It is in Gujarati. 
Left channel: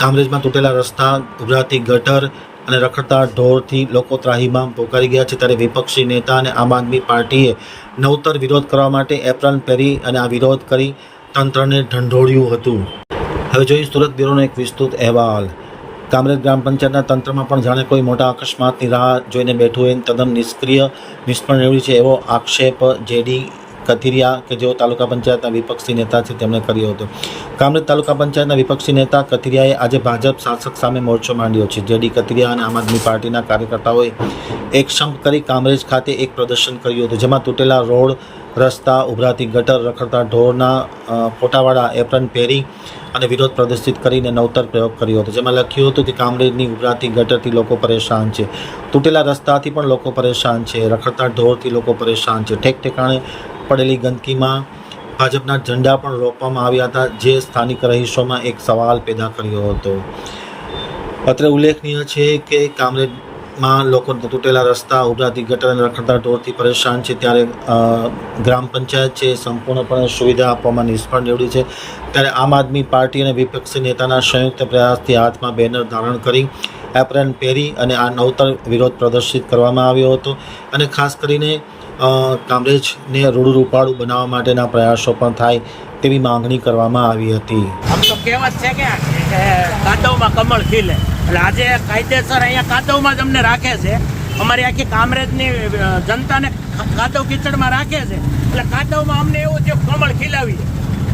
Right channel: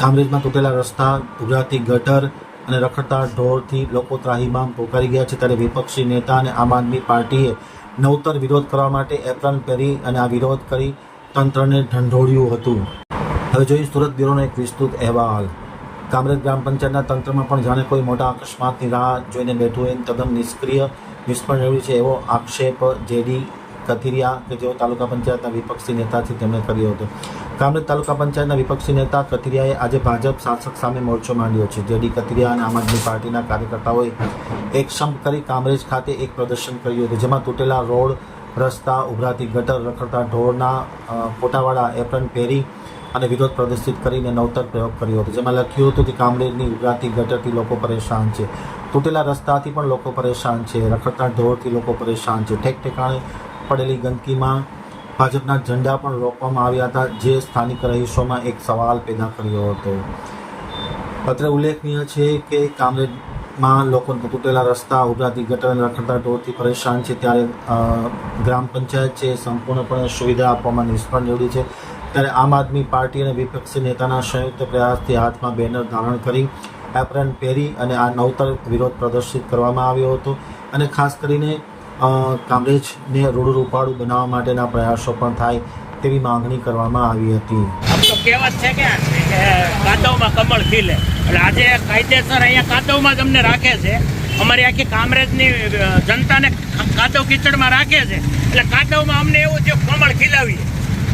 કામરેજમાં તૂટેલા રસ્તા ઉભરાતી ગટર અને રખડતા ઢોરથી લોકો ત્રાહીમામ પોકારી ગયા છે ત્યારે વિપક્ષી નેતા અને આમ આદમી પાર્ટીએ નવતર વિરોધ કરવા માટે એપ્રન પહેરી અને આ વિરોધ કરી તંત્રને ઢંઢોળ્યું હતું. હવે જોઈએ સુરત બ્યુરોનો એક વિસ્તૃત અહેવાલ. કામરેજ ગ્રામ પંચાયતના તંત્રમાં પણ જાણે કોઈ મોટા અકસ્માતની રાહ જોઈને બેઠું હોય તદ્દન નિષ્ક્રિય, નિષ્ફળ નીવડ્યું છે એવો આક્ષેપ જેડી કથિરિયા, કે જેઓ તાલુકા પંચાયતના વિપક્ષી નેતા છે, તેમણે કર્યો હતો. કામરેજ તાલુકા પંચાયતના વિપક્ષી નેતા કથિરિયાએ આજે ભાજપ શાસક સામે મોરચો માંડ્યો છે. જેડી કથિરિયા અને આમ આદમી પાર્ટીના કાર્યકર્તાઓએ એક સંપ કરી કામરેજ ખાતે એક પ્રદર્શન કર્યું હતું, જેમાં તૂટેલા રોડ, રસ્તા, ઉભરાતી ગટર, રખડતા ઢોરના ફોટાવાળા એપ્રન પહેરી અને વિરોધ પ્રદર્શિત કરીને નવતર પ્રયોગ કર્યો હતો, જેમાં લખ્યું હતું કે કામરેજની ઉભરાતી ગટરથી લોકો પરેશાન છે. તૂટેલા રસ્તાથી પણ લોકો પરેશાન છે, રખડતા ઢોરથી લોકો પરેશાન છે. ઠેક ઠેકાણે પડેલી ગંદકીમાં ભાજપના ઝંડા પણ રોપવામાં આવ્યા હતા. જે સ્થાનિક રહીશોમાં એક સવાલ પેદા કર્યો હતો. અત્રે ઉલ્લેખનીય છે કે કામરેજમાં લોકો તૂટેલા રસ્તા, ઉભરાતી ગટર અને રખડતા ઢોરથી પરેશાન છે. ત્યારે ગ્રામ પંચાયત છે સંપૂર્ણપણે સુવિધા આપવામાં નિષ્ફળ નીવડી છે. ત્યારે આમ આદમી પાર્ટી અને વિપક્ષી નેતાના સંયુક્ત પ્રયાસથી હાથમાં બેનર ધારણ કરી એપ્રન પહેરી અને આ નવતર વિરોધ પ્રદર્શિત કરવામાં આવ્યો હતો. અને ખાસ કરીને કામરેજને રૂડું રૂપાળું બનાવવા માટેના પ્રયાસો પણ થાય તેવી માંગણી કરવામાં આવી હતી. આમ તો કહેવત છે કે કાંતવમાં કમળ ખીલે. એટલે આજે કાયદેસર અહીંયા કાદવમાં જ અમને રાખે છે. અમારી આખી કામરેજની જનતાને કાદવ કીચડમાં રાખે છે. એટલે કાદવમાં અમને એવું થયું કમળ ખીલાવી